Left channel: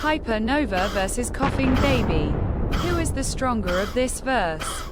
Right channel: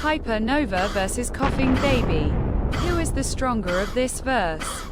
Hypernova versus Coughing Baby. Who is the stronger of this verse?